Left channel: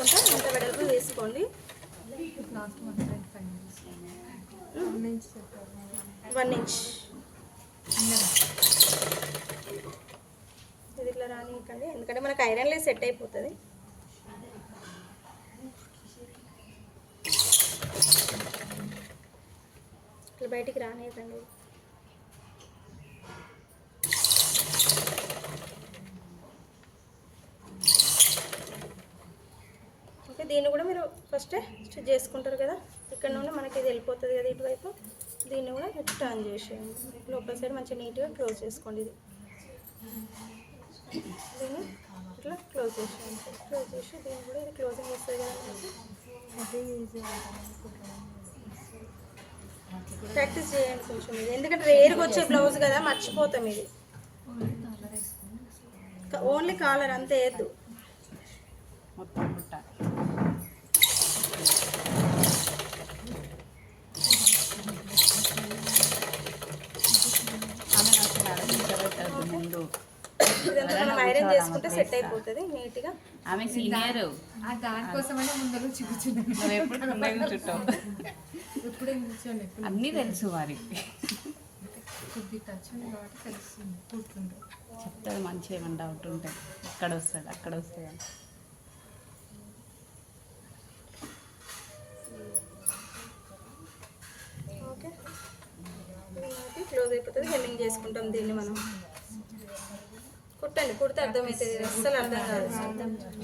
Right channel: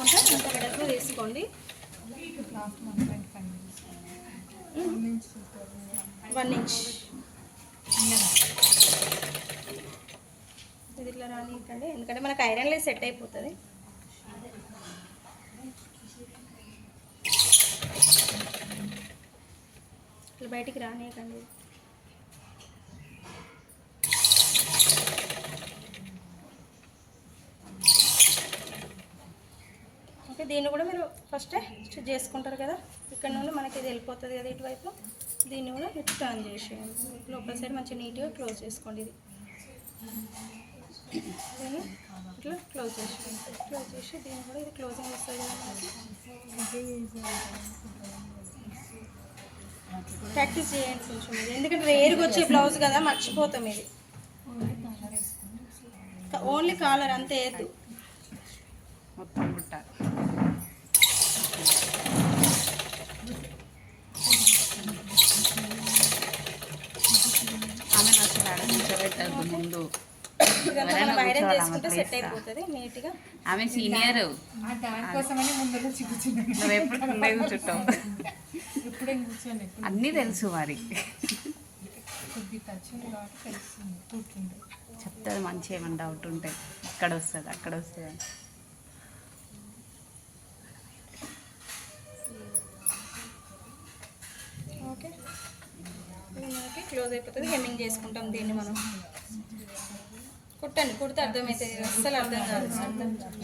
తీసుకుంటే అంత వెడల్పు తీసుకోండి. 1 ఇంచ్ ఇది ఇట్లా రానికండి, ఎందుకంటే మనకు ఐరన్లో సెట్ అయిపోతుంది. ఇట్లా బయటికి రానియకండి. ఓకే, దీన్ని కూడా మీరు ఫస్ట్ స్టిచ్ చేసుకుంటారు కదా, ఇక్కడ నుండి మనకి ఇది వెళ్ళిపోతుంది కదా ఇటువైపు. దీన్ని కూడా టర్న్ చేసేయండి. లోపల సైడ్ మంచిగా నీట్గా క్లోజ్ చేసుకోండి. ఇది దీన్ని ఇట్లా క్లోజ్ చేసేయండి. క్లోజ్ చేసి దీన్ని కూడా ఇది క్లోజింగ్ వస్తుంది కదా మనకి. ప్రాక్టీస్ చేయండి కొంచెం ఇది, ఎందుకంటే రేరుగా వచ్చే బ్లౌజ్ కదా, మర్చిపోతాం. ఇది ఓన్లీ కాలర్ అంతే వేయద్దు. మొత్తం బుట్ట ఆమె అసలు అడగించబెట్టద్దు ముందు, ఐరన్ చేసుకుంటే సెట్ అయిపోతుంది నీట్గా. ఆమె సీనియర్, దానికోసమనే ముందు కూర్చున్నాను. నువ్వు ఎప్పుడు ముందే కూర్చుంటావు, ఇప్పుడే కూర్చోండి. అన్నీ తెలుసు మరి. కొద్ది టచ్ ఉంది కాబట్టి తెలుస్తుంది, కూర్చుంటే చెప్తుంది మంచిగా. ఏమైనా డౌట్ ఉంటే ఇక్కడ వస్తుంది అక్కడ వస్తుంది అని. ఓకే, ఇది మనకి క్లోజ్ అయిపోతుంది. హెమ్మింగ్ చేసుకుంటాం దీన్ని మనం. కుట్టండి, కుడితే అర్థమవుతుంది. అస్సలు అర్థం కాదు, అర్థం కాదు.